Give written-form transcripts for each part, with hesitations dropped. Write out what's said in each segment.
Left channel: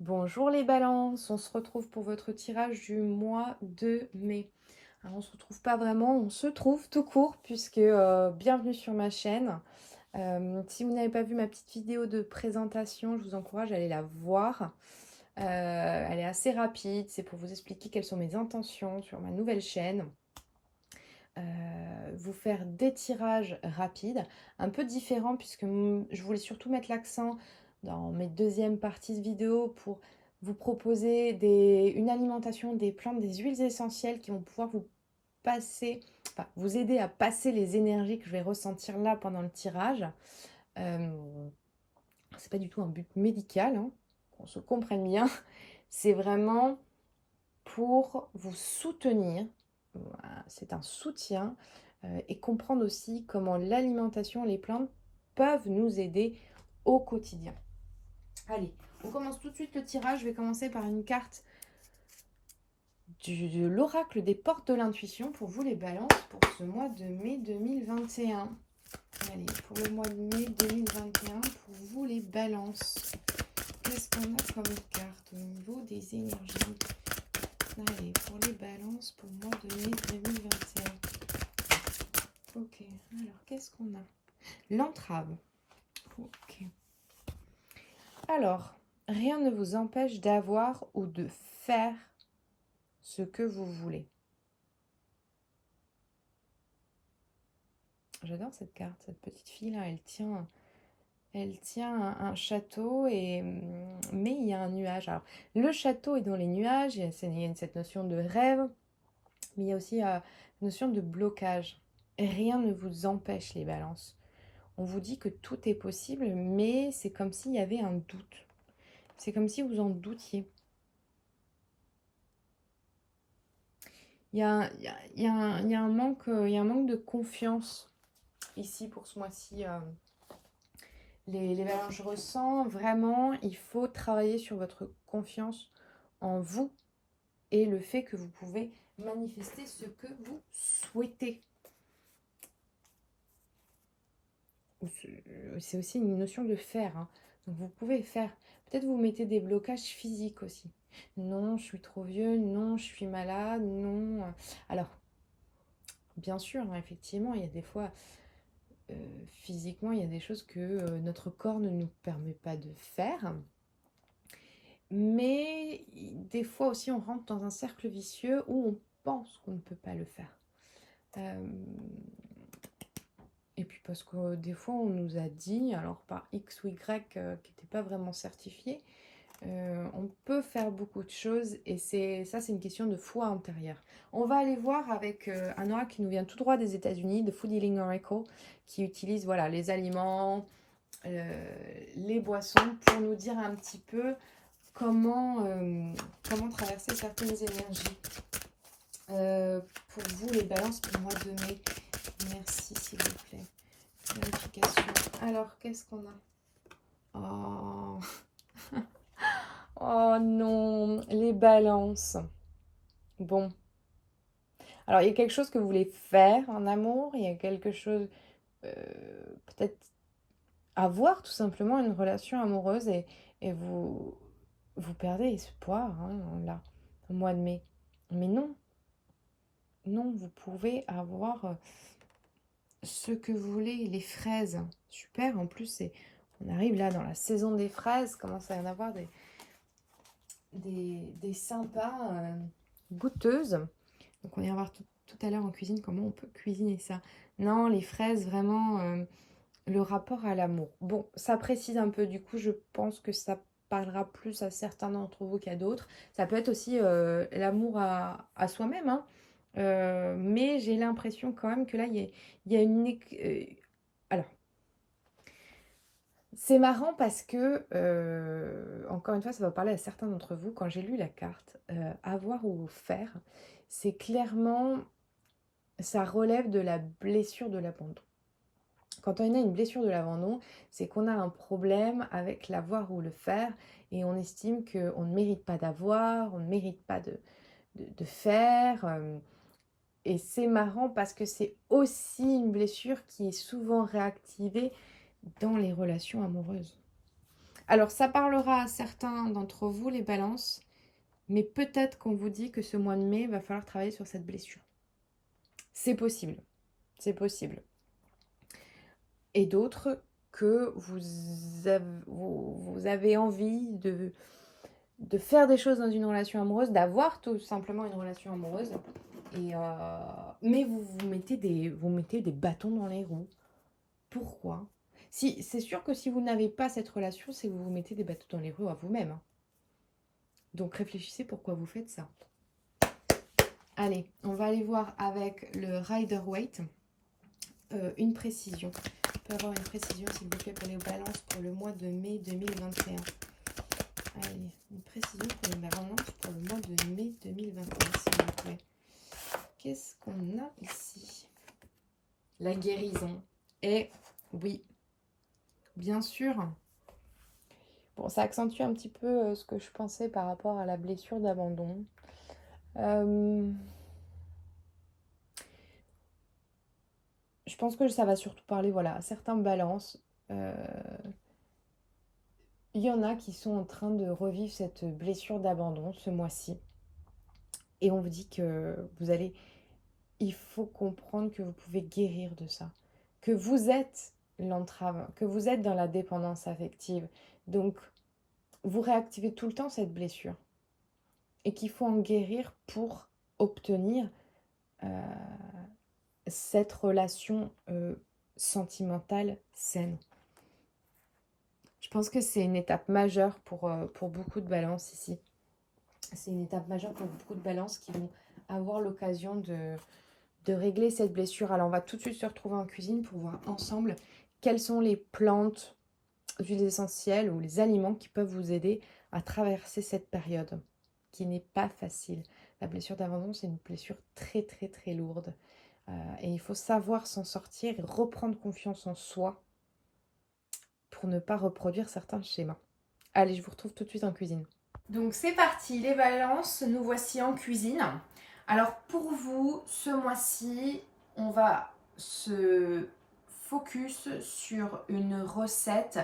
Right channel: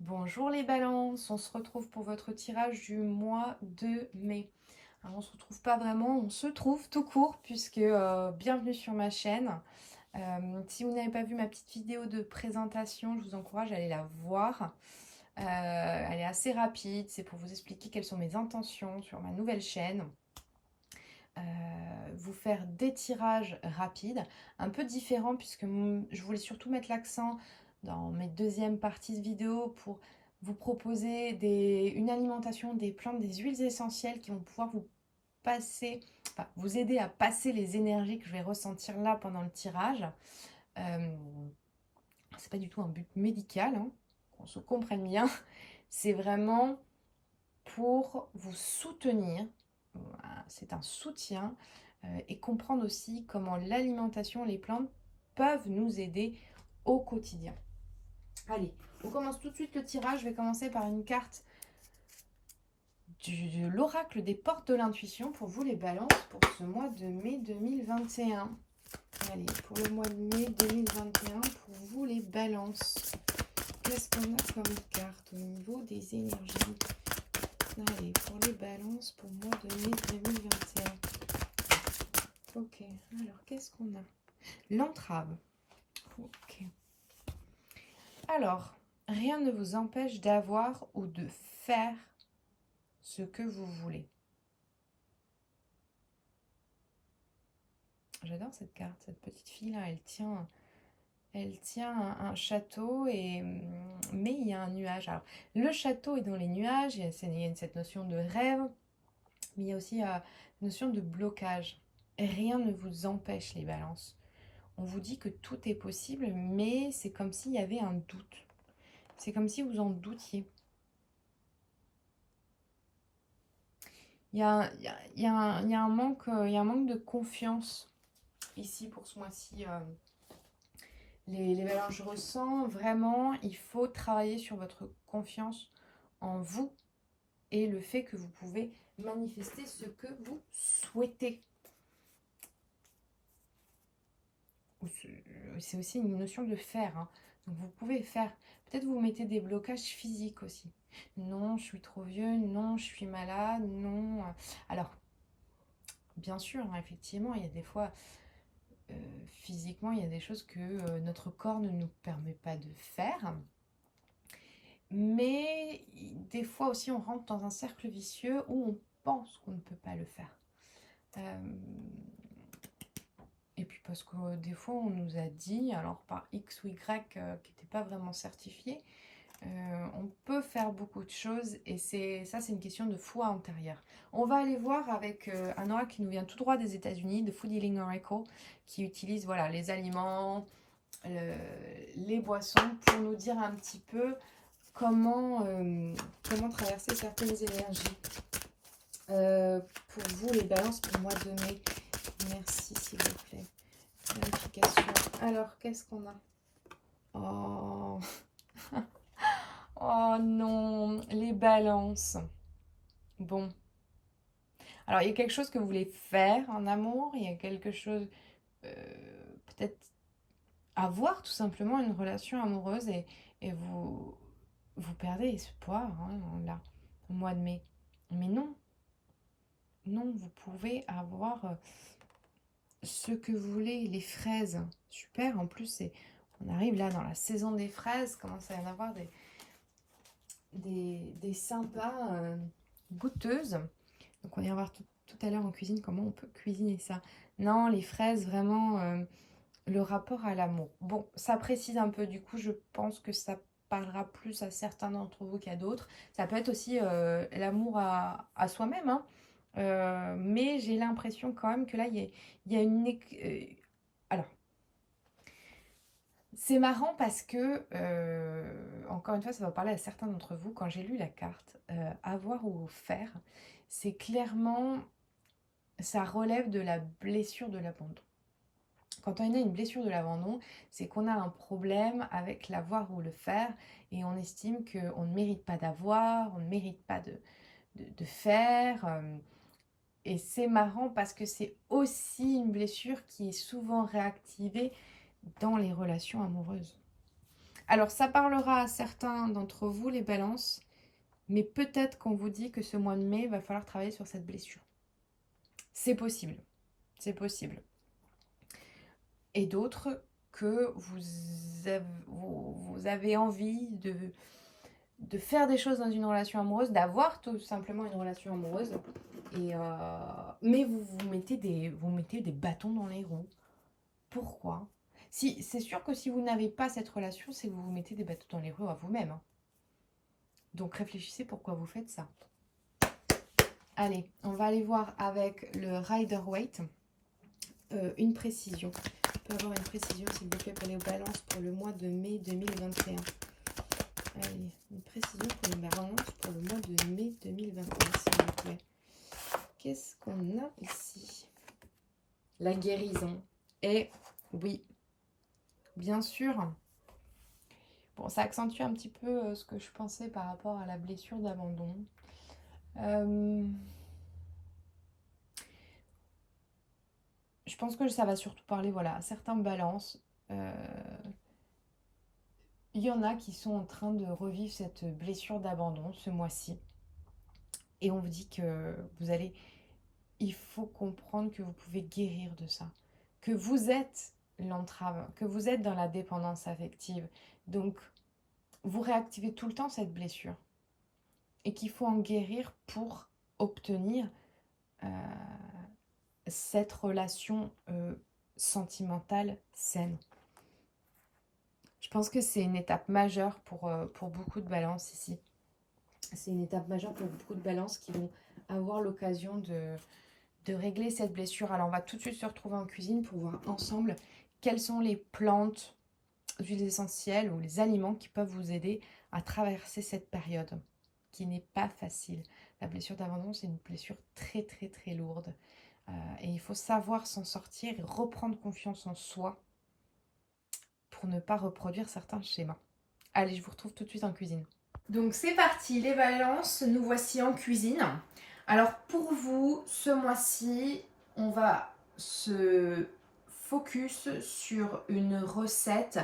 Bonjour les balances, on se retrouve pour votre tirage du mois de mai. Alors on se retrouve pas vraiment, on se trouve tout court puisque bienvenue sur ma chaîne. Si vous n'avez pas vu ma petite vidéo de présentation, je vous encourage à aller la voir. Elle est assez rapide, c'est pour vous expliquer quelles sont mes intentions sur ma nouvelle chaîne. Vous faire des tirages rapides, un peu différents puisque je voulais surtout mettre l'accent dans mes deuxièmes parties de vidéo pour vous proposer une alimentation, des plantes, des huiles essentielles qui vont pouvoir vous passer, enfin, vous aider à passer les énergies que je vais ressentir là pendant le tirage. Euh, c'est pas du tout un but médical, hein, qu'on se comprenne bien. C'est vraiment pour vous soutenir. Voilà, c'est un soutien et comprendre aussi comment l'alimentation, les plantes peuvent nous aider au quotidien. Allez, on commence tout de suite le tirage. Je vais commencer par une carte de l'oracle des portes de l'intuition pour vous les balances pour ce mois de mai 2021. Allez, pour le mois de mai 2021, pour vous les balances, qu'est-ce qu'on a comme carte au niveau des énergies? Allez, pour les balances, pour le mois de mai 2021. Ok, alors qu'est-ce qu'on a? L'entrave. Ok. Alors, rien ne vous empêche d'avoir ou de faire ce que vous voulez. J'adore cette carte, cette petite fille là, elle tient un château mais il y a un nuage. Alors, le château est dans les nuages, il y a cette notion de rêve, mais il y a aussi la notion de blocage. Rien ne vous empêche les balances. On vous dit que tout est possible, mais c'est comme s'il y avait un doute. C'est comme si vous en doutiez. Il y a un manque de confiance ici pour ce mois-ci. Les balances, je ressens vraiment, il faut travailler sur votre confiance en vous et le fait que vous pouvez manifester ce que vous souhaitez. C'est aussi une notion de faire, hein. Donc vous pouvez faire. Peut-être vous mettez des blocages physiques aussi. Non, je suis trop vieux. Non, je suis malade. Non. Alors, bien sûr, hein, effectivement, il y a des fois, physiquement, il y a des choses que notre corps ne nous permet pas de faire. Mais des fois aussi, on rentre dans un cercle vicieux où on pense qu'on ne peut pas le faire. Et puis parce que des fois, on nous a dit, alors par X ou Y qui n'était pas vraiment certifié, on peut faire beaucoup de choses et c'est une question de foi intérieure. On va aller voir avec un oracle qui nous vient tout droit des États-Unis, de Food Healing Oracle, qui utilise voilà, les aliments, les boissons pour nous dire un petit peu comment traverser certaines énergies. Pour vous, les balances pour le mois de mai, merci s'il vous plaît. Vérification. Alors, qu'est-ce qu'on a? Oh. Oh non, les balances. Bon. Alors, il y a quelque chose que vous voulez faire en amour, il y a quelque chose, peut-être avoir tout simplement une relation amoureuse et vous perdez espoir hein, là, au mois de mai. Mais non, non, vous pouvez avoir ce que vous voulez, les fraises. Super, en plus, on arrive là dans la saison des fraises, commence à y en avoir des sympas goûteuses. Donc on ira voir tout à l'heure en cuisine comment on peut cuisiner ça. Non, les fraises, vraiment, le rapport à l'amour. Bon, ça précise un peu, du coup, je pense que ça parlera plus à certains d'entre vous qu'à d'autres. Ça peut être aussi l'amour à soi-même, hein. Mais j'ai l'impression quand même que là, il y a une... alors, c'est marrant parce que, encore une fois, ça va parler à certains d'entre vous. Quand j'ai lu la carte, avoir ou faire, c'est clairement, ça relève de la blessure de l'abandon. Quand on a une blessure de l'abandon, c'est qu'on a un problème avec l'avoir ou le faire et on estime qu'on ne mérite pas d'avoir, on ne mérite pas de faire. Et c'est marrant parce que c'est aussi une blessure qui est souvent réactivée dans les relations amoureuses. Alors, ça parlera à certains d'entre vous, les balances, mais peut-être qu'on vous dit que ce mois de mai, il va falloir travailler sur cette blessure. C'est possible, c'est possible. Et d'autres que vous avez envie de faire des choses dans une relation amoureuse, d'avoir tout simplement une relation amoureuse, mais vous mettez des bâtons dans les roues. Pourquoi? Si, c'est sûr que si vous n'avez pas cette relation, c'est que vous vous mettez des bâtons dans les roues à vous-même, hein. Donc réfléchissez pourquoi vous faites ça. Allez, on va aller voir avec le Rider-Waite une précision. Je peux avoir une précision, s'il vous plaît, pour les balances pour le mois de mai 2021. Allez, une précision pour les balances pour le mois de mai 2021, s'il vous plaît. Qu'est-ce qu'on a ici? La guérison. Et oui, bien sûr. Bon, ça accentue un petit peu ce que je pensais par rapport à la blessure d'abandon. Je pense que ça va surtout parler, voilà, à certains balances. Il y en a qui sont en train de revivre cette blessure d'abandon ce mois-ci. Et on vous dit que il faut comprendre que vous pouvez guérir de ça. Que vous êtes l'entrave, que vous êtes dans la dépendance affective. Donc, vous réactivez tout le temps cette blessure. Et qu'il faut en guérir pour obtenir cette relation sentimentale saine. Je pense que c'est une étape majeure pour beaucoup de balances ici. C'est une étape majeure pour beaucoup de balances qui vont avoir l'occasion de régler cette blessure. Alors, on va tout de suite se retrouver en cuisine pour voir ensemble quelles sont les plantes, huiles essentielles ou les aliments qui peuvent vous aider à traverser cette période qui n'est pas facile. La blessure d'abandon, c'est une blessure très, très, très lourde. Et il faut savoir s'en sortir et reprendre confiance en soi pour ne pas reproduire certains schémas. Allez, je vous retrouve tout de suite en cuisine. Donc c'est parti, les balances, nous voici en cuisine. Alors pour vous, ce mois-ci, on va se focus sur une recette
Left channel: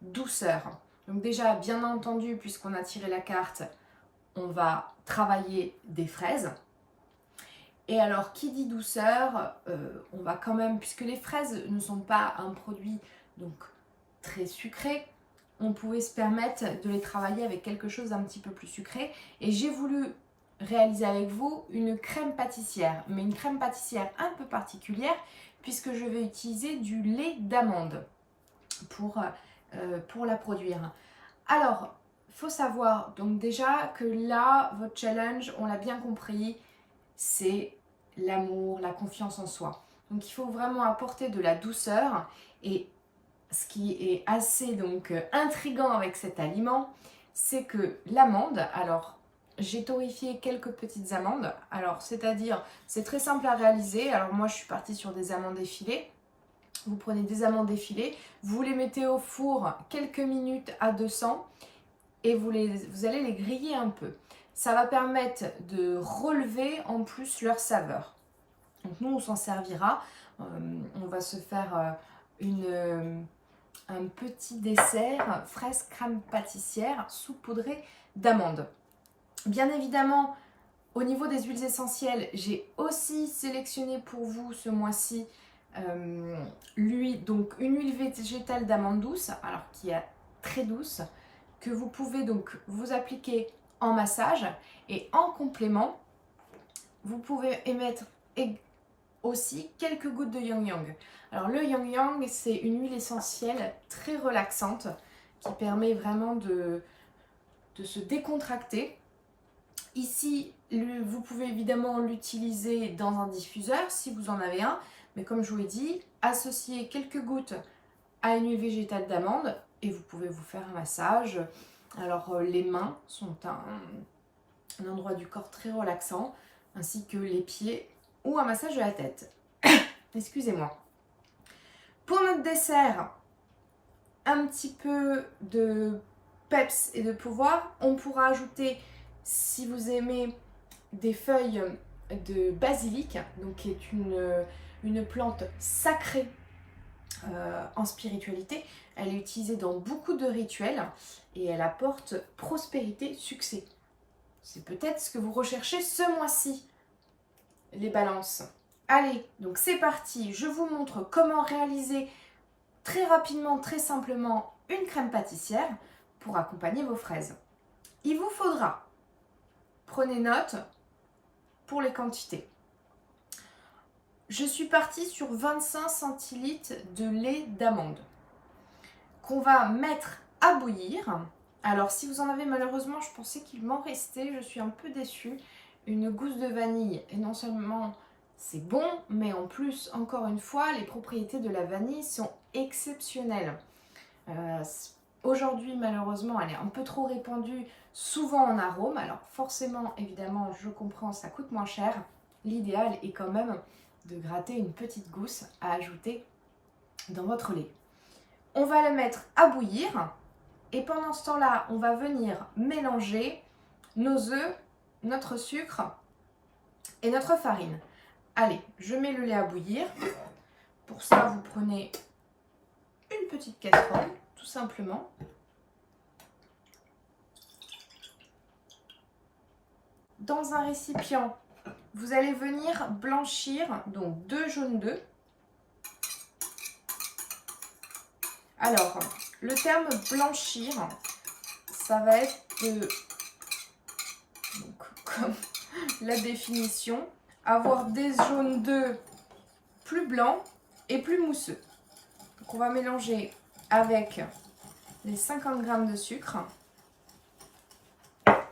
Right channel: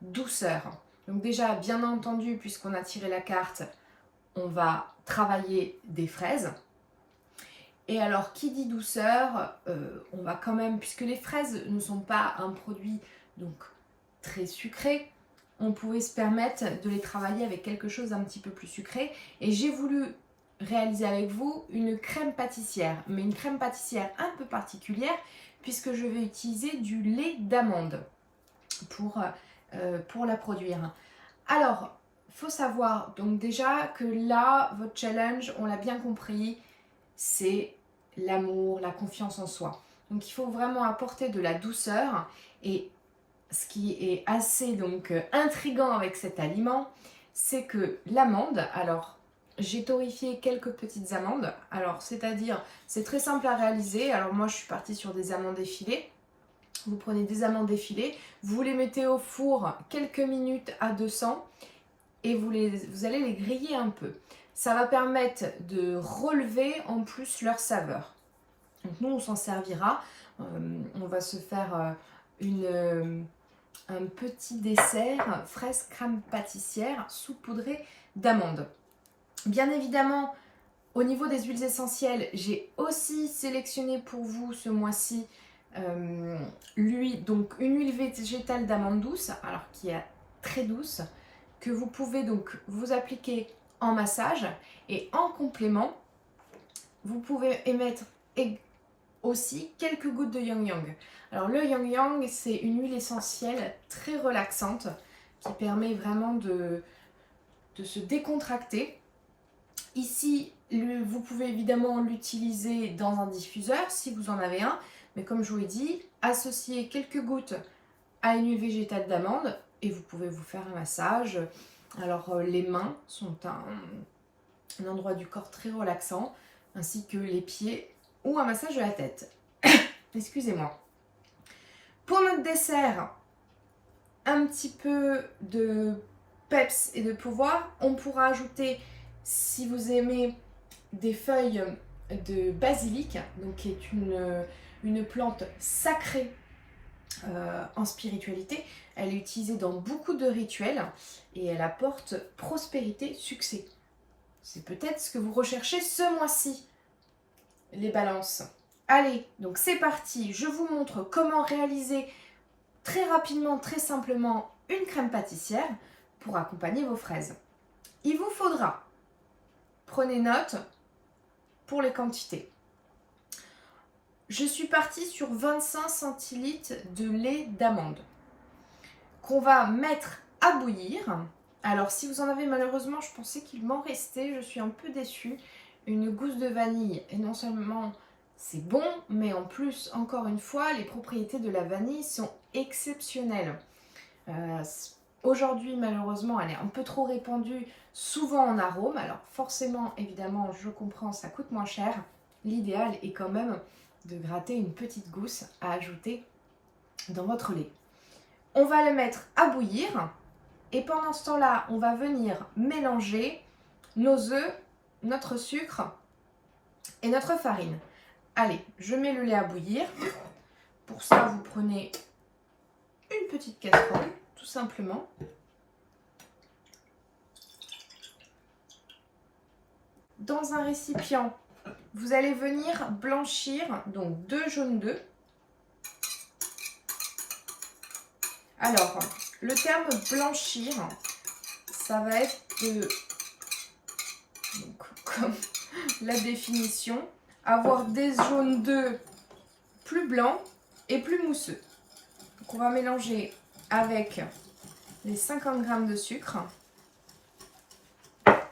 douceur. Donc déjà, bien entendu, puisqu'on a tiré la carte, on va travailler des fraises. Et alors, qui dit douceur, on va quand même, puisque les fraises ne sont pas un produit donc très sucré, on pouvait se permettre de les travailler avec quelque chose d'un petit peu plus sucré. Et j'ai voulu réaliser avec vous une crème pâtissière, mais une crème pâtissière un peu particulière, puisque je vais utiliser du lait d'amande pour la produire. Alors, il faut savoir donc déjà que là, votre challenge, on l'a bien compris, c'est l'amour, la confiance en soi. Donc il faut vraiment apporter de la douceur. Et ce qui est assez donc intriguant avec cet aliment, c'est que l'amande, alors j'ai torréfié quelques petites amandes, alors c'est-à-dire c'est très simple à réaliser. Alors moi je suis partie sur des amandes effilées. Vous prenez des amandes effilées, vous les mettez au four quelques minutes à 200 et vous allez les griller un peu. Ça va permettre de relever en plus leur saveur. Donc nous, on s'en servira. On va se faire un petit dessert fraise crème pâtissière saupoudrée d'amandes. Bien évidemment, au niveau des huiles essentielles, j'ai aussi sélectionné pour vous ce mois-ci donc une huile végétale d'amande douce, alors qui est très douce, que vous pouvez donc vous appliquer en massage, et en complément, vous pouvez émettre aussi quelques gouttes de Yang Yang. Alors le Yang Yang, c'est une huile essentielle très relaxante qui permet vraiment de se décontracter. Ici, vous pouvez évidemment l'utiliser dans un diffuseur si vous en avez un, mais comme je vous l'ai dit, associez quelques gouttes à une huile végétale d'amande et vous pouvez vous faire un massage. Alors les mains sont un endroit du corps très relaxant, ainsi que les pieds ou un massage de la tête. Excusez-moi. Pour notre dessert, un petit peu de peps et de pouvoir, on pourra ajouter, si vous aimez, des feuilles de basilic, donc qui est une plante sacrée en spiritualité. Elle est utilisée dans beaucoup de rituels et elle apporte prospérité, succès. C'est peut-être ce que vous recherchez ce mois-ci, les balances. Allez, donc c'est parti. Je vous montre comment réaliser très rapidement, très simplement, une crème pâtissière pour accompagner vos fraises. Il vous faudra, prenez note pour les quantités. Je suis partie sur 25 centilitres de lait d'amande qu'on va mettre à bouillir. Alors si vous en avez, malheureusement, je pensais qu'il m'en restait, je suis un peu déçue. Une gousse de vanille, et non seulement c'est bon, mais en plus, encore une fois, les propriétés de la vanille sont exceptionnelles. Aujourd'hui, malheureusement, elle est un peu trop répandue, souvent en arôme. Alors forcément, évidemment, je comprends, ça coûte moins cher. L'idéal est quand même de gratter une petite gousse à ajouter dans votre lait. On va le mettre à bouillir et pendant ce temps-là, on va venir mélanger nos œufs, notre sucre et notre farine. Allez, je mets le lait à bouillir. Pour ça, vous prenez une petite casserole, tout simplement. Dans un récipient, vous allez venir blanchir donc 2 jaunes d'œufs. Alors, le terme blanchir, ça va être donc, comme la définition, avoir des jaunes d'œufs plus blancs et plus mousseux. Donc, on va mélanger avec les 50 g de sucre,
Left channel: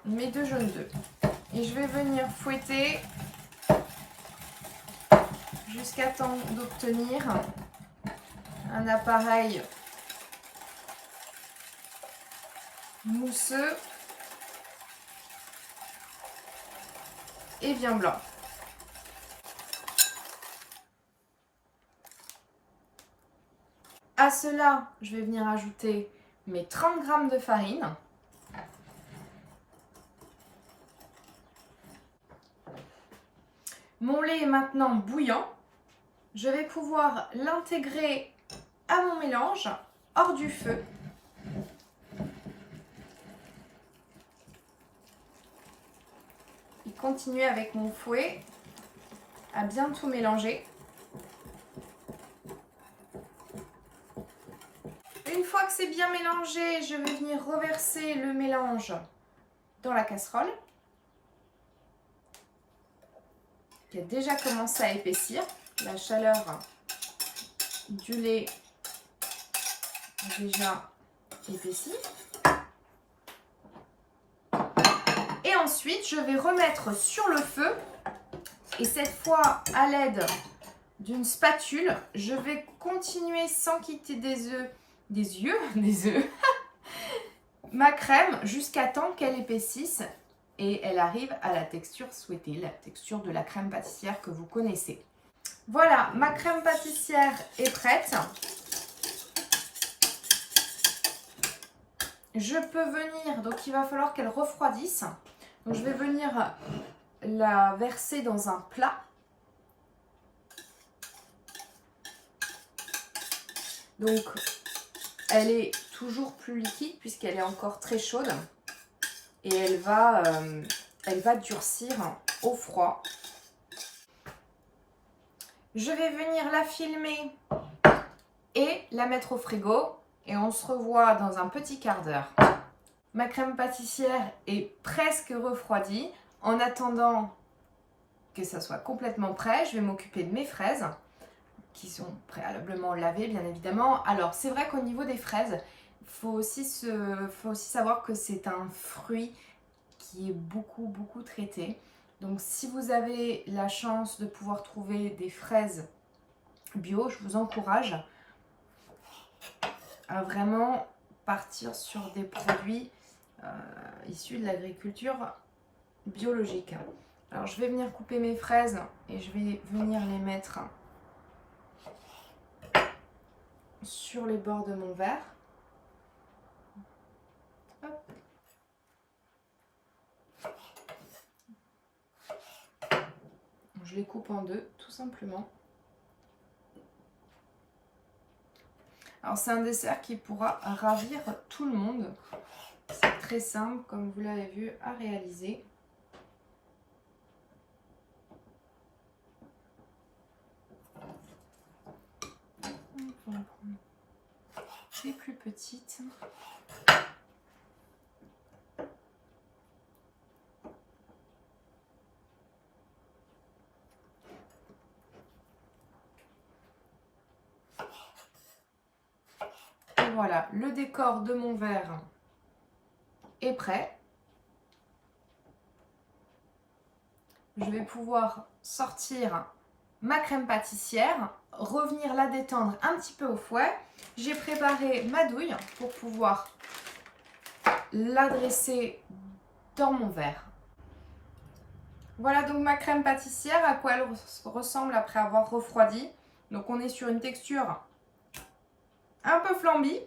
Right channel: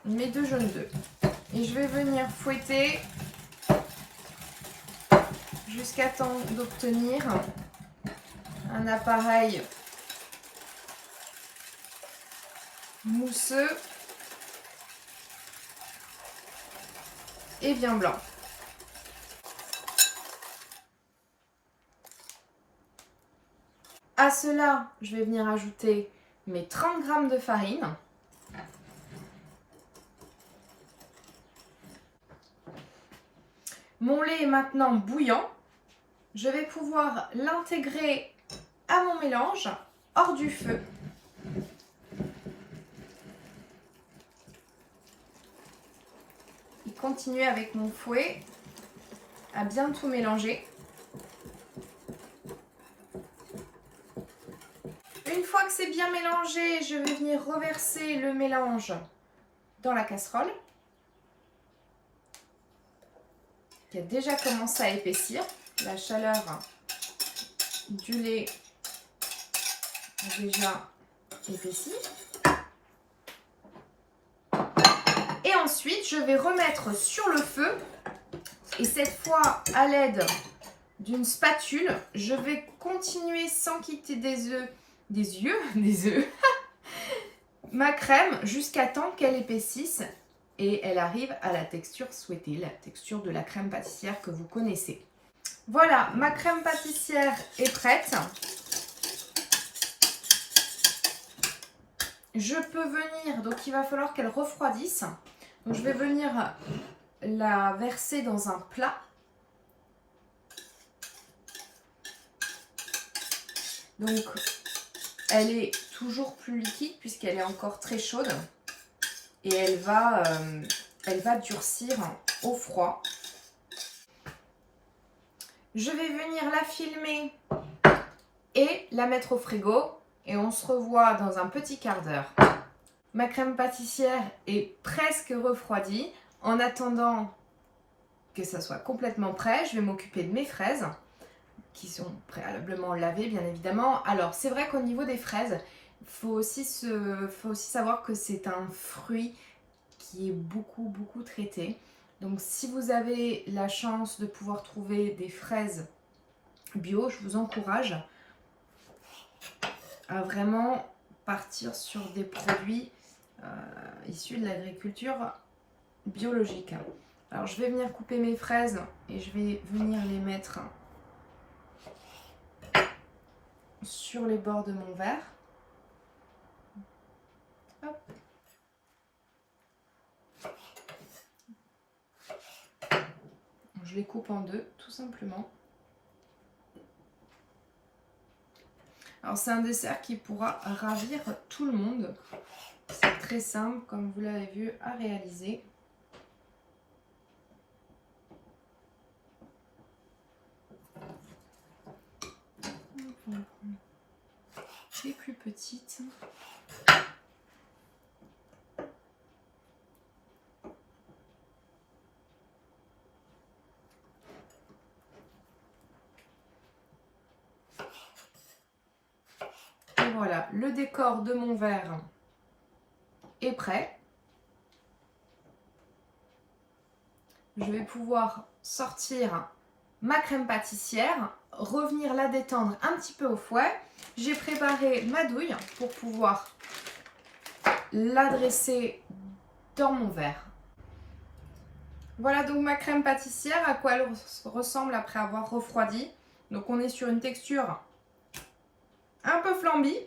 mes 2 jaunes d'œufs. Et je vais venir fouetter jusqu'à temps d'obtenir un appareil mousseux et bien blanc. À cela, je vais venir ajouter mes 30 g de farine. Mon lait est maintenant bouillant. Je vais pouvoir l'intégrer à mon mélange hors du feu. Et continuer avec mon fouet à bien tout mélanger. Une fois que c'est bien mélangé, je vais venir reverser le mélange dans la casserole qui a déjà commencé à épaissir. La chaleur du lait a déjà épaissi. Et ensuite, je vais remettre sur le feu et cette fois à l'aide d'une spatule, je vais continuer sans quitter des œufs, ma crème jusqu'à temps qu'elle épaississe et elle arrive à la texture souhaitée, la texture de la crème pâtissière que vous connaissez. Voilà, ma crème pâtissière est prête. Je peux venir, donc il va falloir qu'elle refroidisse. Donc je vais venir la verser dans un plat. Donc elle est toujours plus liquide puisqu'elle est encore très chaude. Et elle va durcir au froid. Je vais venir la filmer et la mettre au frigo. Et on se revoit dans un petit quart d'heure. Ma crème pâtissière est presque refroidie. En attendant que ça soit complètement prêt, je vais m'occuper de mes fraises qui sont préalablement lavées, bien évidemment. Alors, c'est vrai qu'au niveau des fraises, il faut aussi savoir que c'est un fruit qui est beaucoup traité. Donc, si vous avez la chance de pouvoir trouver des fraises bio, je vous encourage à vraiment partir sur des produits issus de l'agriculture biologique. Alors, je vais venir couper mes fraises et je vais venir les mettre sur les bords de mon verre. Hop. Je les coupe en deux, tout simplement. Alors c'est un dessert qui pourra ravir tout le monde. C'est très simple, comme vous l'avez vu, à réaliser. On va prendre des plus petites. Et voilà, le décor de mon verre est prêt. Je vais pouvoir sortir ma crème pâtissière, revenir la détendre un petit peu au fouet. J'ai préparé ma douille pour pouvoir la dresser dans mon verre. Voilà donc ma crème pâtissière, à quoi elle ressemble après avoir refroidi. Donc on est sur une texture un peu flambie.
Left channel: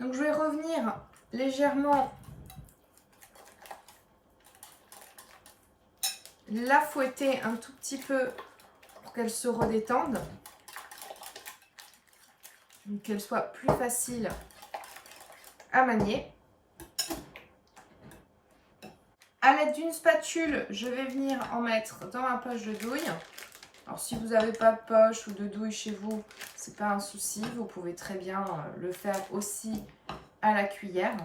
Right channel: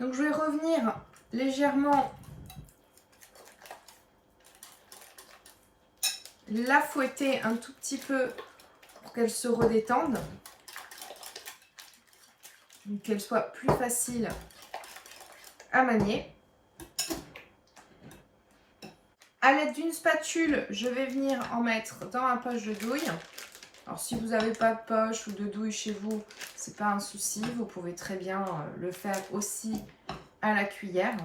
Donc je vais revenir légèrement la fouetter un tout petit peu pour qu'elle se redétende. Donc qu'elle soit plus facile à manier. À l'aide d'une spatule, je vais venir en mettre dans ma poche de douille. Alors si vous n'avez pas de poche ou de douille chez vous, c'est pas un souci. Vous pouvez très bien le faire aussi à la cuillère.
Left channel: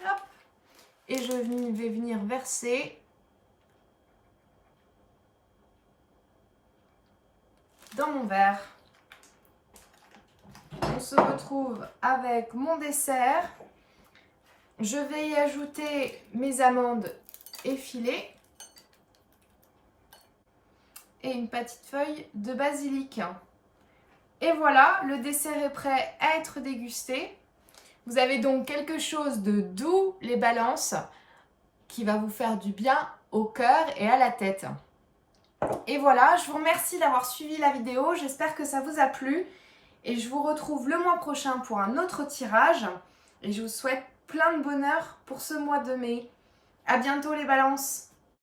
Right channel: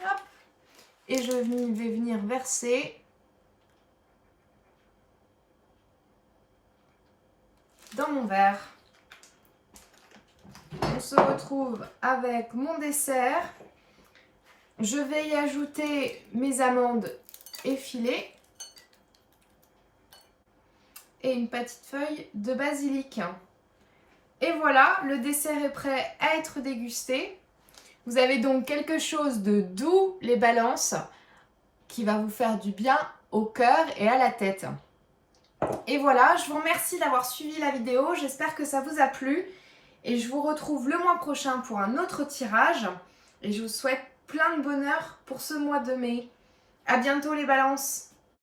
Hop. Et je vais venir verser dans mon verre. On se retrouve avec mon dessert. Je vais y ajouter mes amandes effilées et une petite feuille de basilic. Et voilà, le dessert est prêt à être dégusté. Vous avez donc quelque chose de doux, les balances, qui va vous faire du bien au cœur et à la tête. Et voilà, je vous remercie d'avoir suivi la vidéo. J'espère que ça vous a plu. Et je vous retrouve le mois prochain pour un autre tirage. Et je vous souhaite plein de bonheur pour ce mois de mai. À bientôt les balances!